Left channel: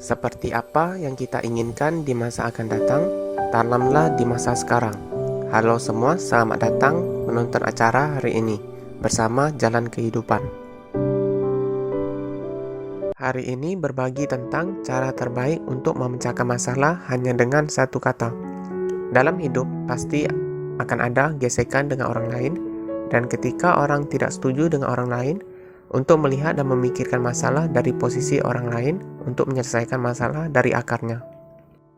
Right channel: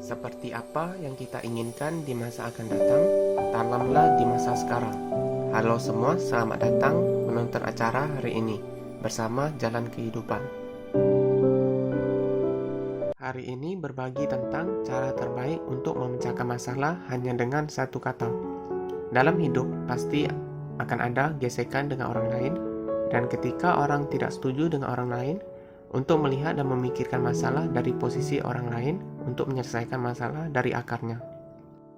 Seperti apa yang kita inginkan di masa akan datang, tanamlah di masa sekarang. Halo semua, selamat datang menonton acara hari ini bersama Jalan Kehidupan. Hari ini berbagi tentang cara terbaik untuk memecahkan masalah hanya dengan satu kata. Dalam hidup pasti akan ada gesekan dengan orang lain, dan ketika orang tidak setuju dengan orang lain, untuk melihat dan memikirkan masalah dari posisi orang lain untuk menyelesaikan masalah dari akarnya.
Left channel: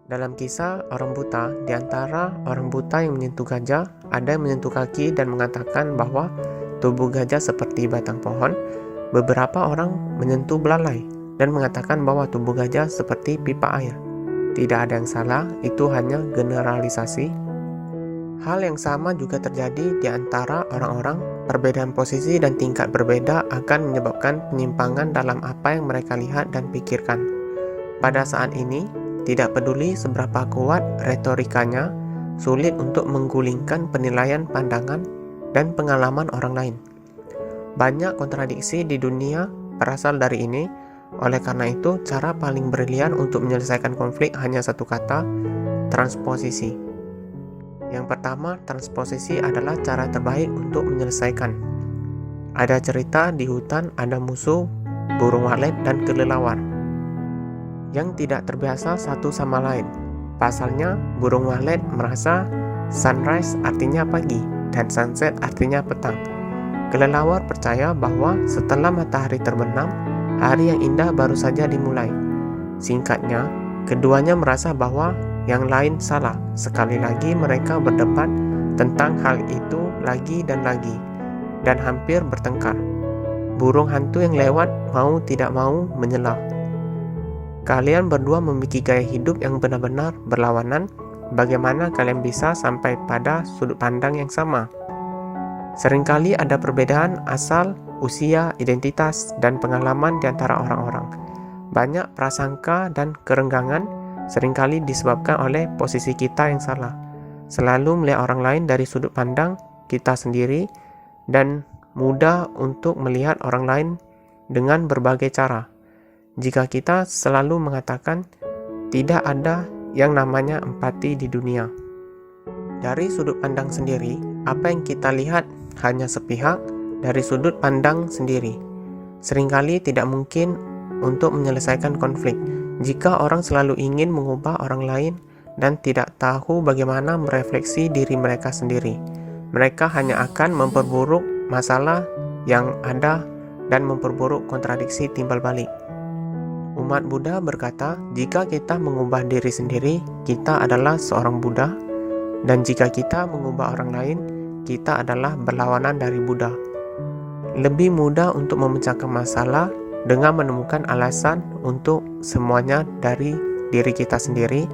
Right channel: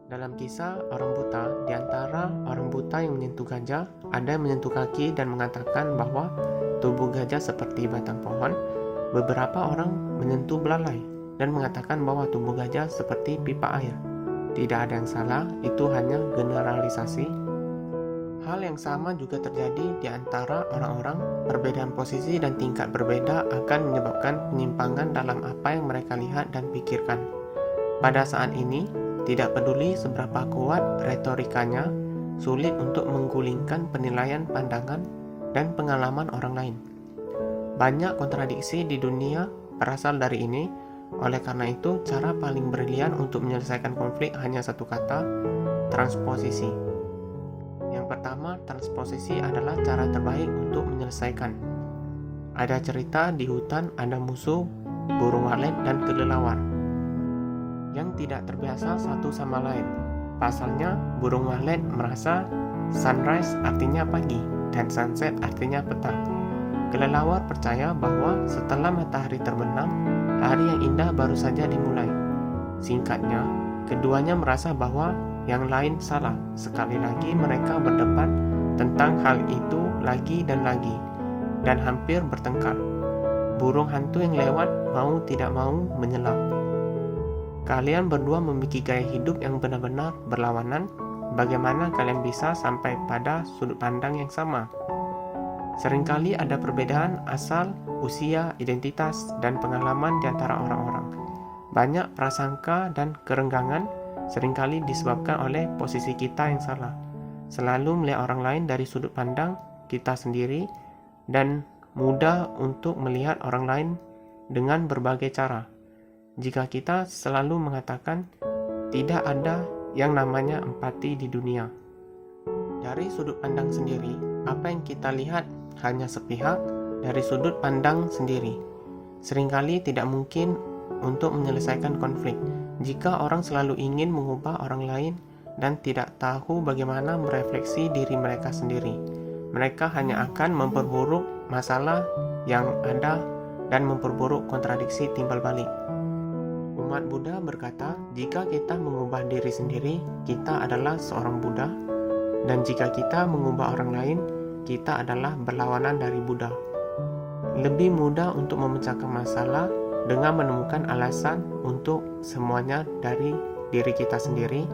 Dalam kisah orang buta, di antara orang buta yang menyentuh gajah, ada yang menyentuh kaki dan mengatakan bahwa tubuh gajah seperti batang pohon. Beberapa orang menyentuh belalai dan mengatakan bahwa tubuh gajah seperti pipa air. Tidak ada yang salah, itu hanya generalisasi. Hal yang sama juga terjadi di antara orang-orang. Perbedaan posisi dan tingkat berbeda akan menyebabkan penyimpangan dalam apa yang mereka lihat dan pikirkan. Pada saat ini, tidak peduli seberapa kuat retorikanya, sulit untuk menggulingkan penilaian pandangan dan pengalaman orang lain. Banyak kontradiksi di dunia berasal dari ini. Oleh karena itu, cara paling brilian untuk menyelesaikan konflik hanya satu kata: transposisi. Yang pertama, transposisi adalah cara terbaik untuk menyelesaikan. Ada cerita di hutan ada musuh, burung walet dan kelelawar yang tidak terbiasa satu sama lain. Pasalnya, burung walet merasa sunrise artinya pagi dan sunset artinya petang. Kelelawar percaya bahwa setelah matahari terbenam, hari yang indah baru saja dimulai. Singkatnya, keduanya merasa bahwa yang lain salah. Sekali lagi mereka berdebat tentang hal itu lagi dan lagi, dan hampir bertengkar. Burung hantu yang lewat mau tidak mau menyelam. Kalian berdua memiliki gaya hidup yang benar-benar berlawanan. Bagaimana kalian bisa sampai pada sudut pandang yang sama? Seringkali ada perbedaan asal, usia, identitas, dan pengalaman di antara orang-orang. Banyak prasangka dan kerenggangan seringkali disebabkan oleh posisi kita yang salah. Selalu melihat orang lain dari sudut pandang kita sendiri, dan mudah untuk melihat orang lain dengan berbagai cara. Jika kita selalu mengatakan tidak ada yang namanya empati di dunia. Dari sudut pandang sendiri, apa yang kita lihat hanya sepihak dari sudut pandang sendiri. Seringkali tidak mungkin untuk menyelesaikan konflik jika orang selalu ingin mengubah orang lain dan tidak tahu bagaimana merefleksi diri mereka sendiri. Mereka hanya akan memperburuk masalah yang ada dan memperburuk kontradiksi timbal balik. Umat Buddha berkata, jika kita mengubah diri sendiri, kita adalah seorang Buddha, dan jika kita mengubah orang lain, kita adalah berlawanan dari Buddha. Lebih mudah untuk memecahkan masalah dengan menemukan alasan untuk semuanya dari diri kita sendiri.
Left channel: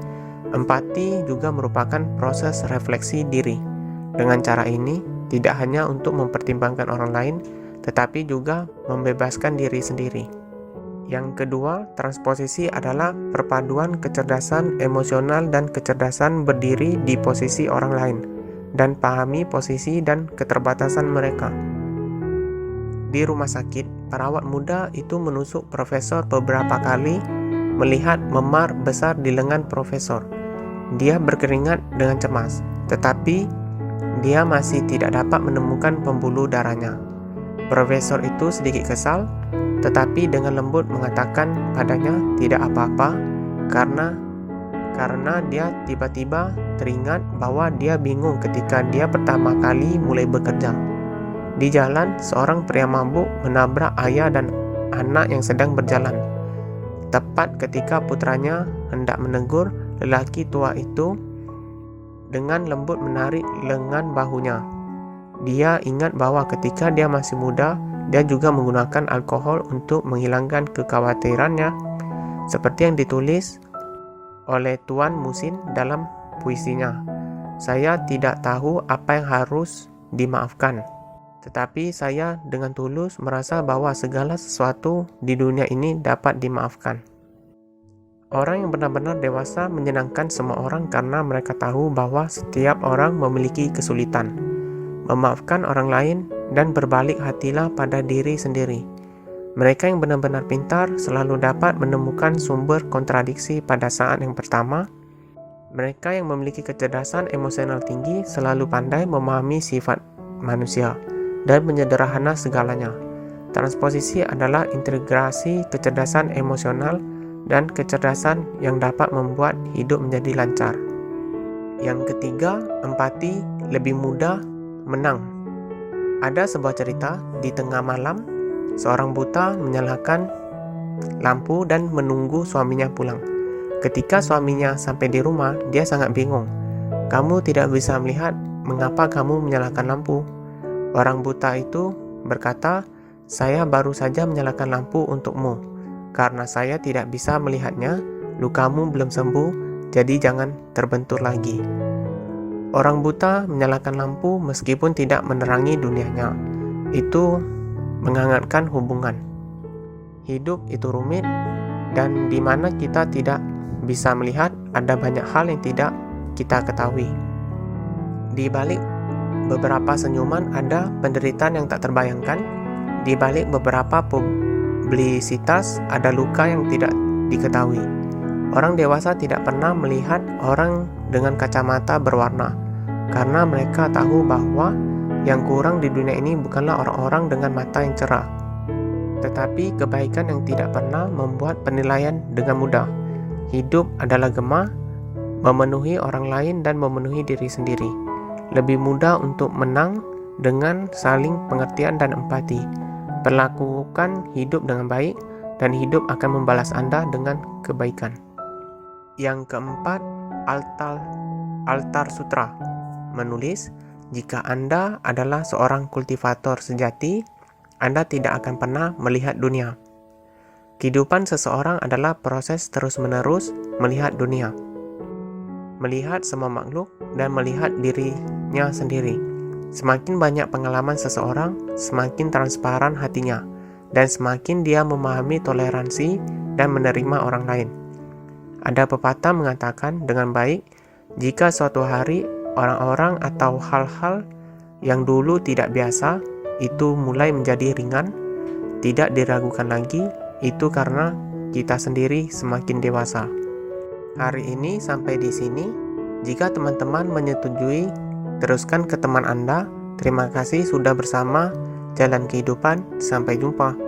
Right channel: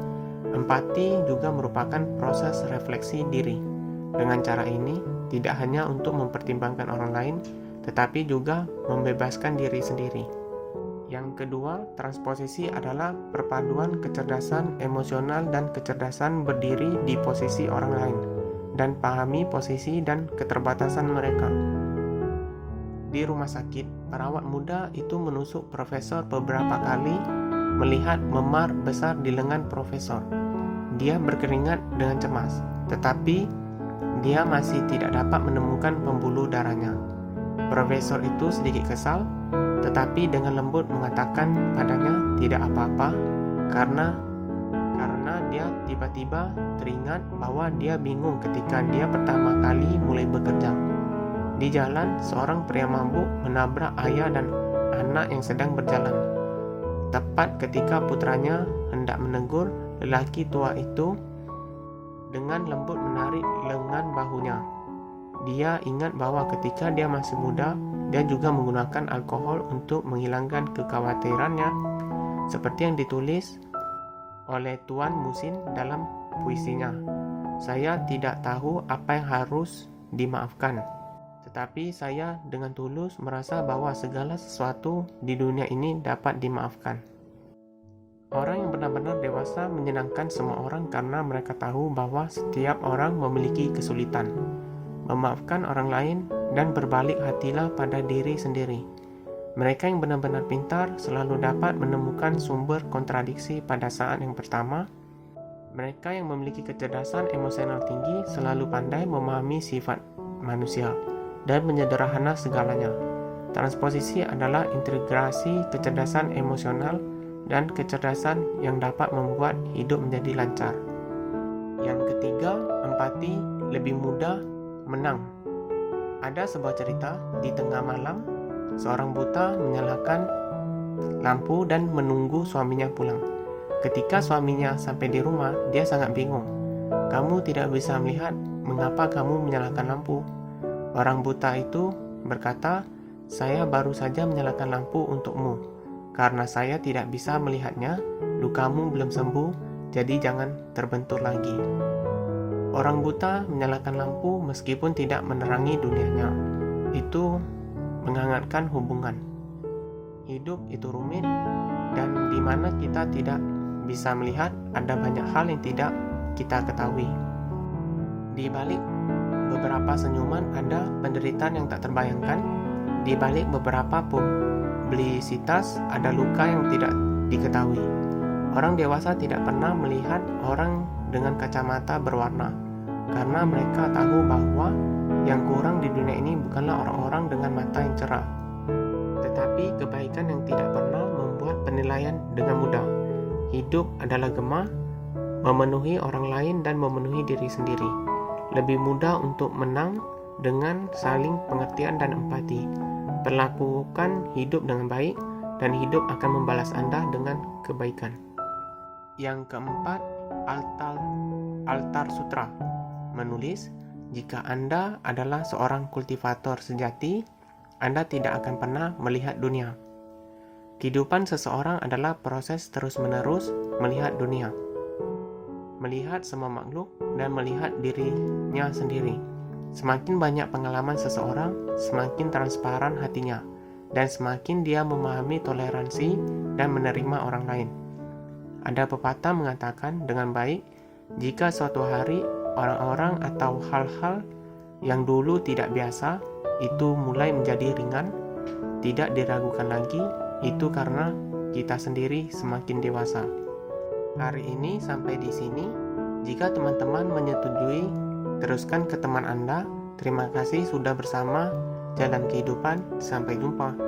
Empati juga merupakan proses refleksi diri. Dengan cara ini, tidak hanya untuk mempertimbangkan orang lain, tetapi juga membebaskan diri sendiri. Yang kedua, transposisi adalah perpaduan kecerdasan emosional dan kecerdasan berdiri di posisi orang lain, dan pahami posisi dan keterbatasan mereka. Di rumah sakit, perawat muda itu menusuk profesor beberapa kali melihat memar besar di lengan profesor. Dia berkeringat dengan cemas, tetapi dia masih tidak dapat menemukan pembuluh darahnya. Profesor itu sedikit kesal, tetapi dengan lembut mengatakan padanya tidak apa-apa karena dia tiba-tiba teringat bahwa dia bingung ketika dia pertama kali mulai bekerja. Di jalan, seorang pria mabuk menabrak ayah dan anak yang sedang berjalan. Tepat ketika putranya hendak menegur, lelaki tua itu dengan lembut menarik lengan bahunya. Dia ingat bahwa ketika dia masih muda, dia juga menggunakan alkohol untuk menghilangkan kekhawatirannya, seperti yang ditulis oleh Tuan Musin dalam puisinya. Saya tidak tahu apa yang harus dimaafkan, tetapi saya dengan tulus merasa bahwa segala sesuatu di dunia ini dapat dimaafkan. Orang yang benar-benar dewasa menyenangkan semua orang karena mereka tahu bahwa setiap orang memiliki kesulitan. Memaafkan orang lain dan berbalik hatilah pada diri sendiri. Mereka yang benar-benar pintar selalu dapat menemukan sumber kontradiksi pada saat yang pertama. Mereka yang memiliki kecerdasan emosional tinggi selalu pandai memahami sifat manusia dan menyederhana segalanya. Transposisi adalah integrasi kecerdasan emosional dan kecerdasan yang dapat membuat hidup menjadi lancar. Yang ketiga, empati lebih mudah menang. Ada sebuah cerita di tengah malam, seorang buta menyalakan lampu dan menunggu suaminya pulang. Ketika suaminya sampai di rumah, dia sangat bingung. "Kamu tidak bisa melihat, mengapa kamu menyalakan lampu?" Orang buta itu berkata, "Saya baru saja menyalakan lampu untukmu. Karena saya tidak bisa melihatnya, lukamu belum sembuh, jadi jangan terbentur lagi." Orang buta menyalakan lampu meskipun tidak menerangi dunianya. Itu menghangatkan hubungan. Hidup itu rumit, dan di mana kita tidak bisa melihat, ada banyak hal yang tidak kita ketahui. Di balik beberapa senyuman ada penderitaan yang tak terbayangkan. Di balik beberapa publisitas ada luka yang tidak diketahui. Orang dewasa tidak pernah melihat orang dengan kacamata berwarna, karena mereka tahu bahwa yang kurang di dunia ini bukanlah orang-orang dengan mata yang cerah, tetapi kebaikan yang tidak pernah membuat penilaian dengan mudah. Hidup adalah gema, memenuhi orang lain dan memenuhi diri sendiri. Lebih mudah untuk menang dengan saling pengertian dan empati. Perlakukan hidup dengan baik, dan hidup akan membalas Anda dengan kebaikan. Yang keempat, Altar Sutra menulis, jika Anda adalah seorang kultivator sejati, Anda tidak akan pernah melihat dunia. Kehidupan seseorang adalah proses terus-menerus melihat dunia, melihat semua makhluk, dan melihat dirinya sendiri. Semakin banyak pengalaman seseorang, semakin transparan hatinya, dan semakin dia memahami toleransi dan menerima orang lain. Ada pepatah mengatakan dengan baik, jika suatu hari orang-orang atau hal-hal yang dulu tidak biasa itu mulai menjadi ringan, tidak diragukan lagi, itu karena kita sendiri semakin dewasa. Hari ini sampai di sini. Jika teman-teman menyetujui, teruskan ke teman Anda. Terima kasih sudah bersama Jalan Kehidupan. Sampai jumpa.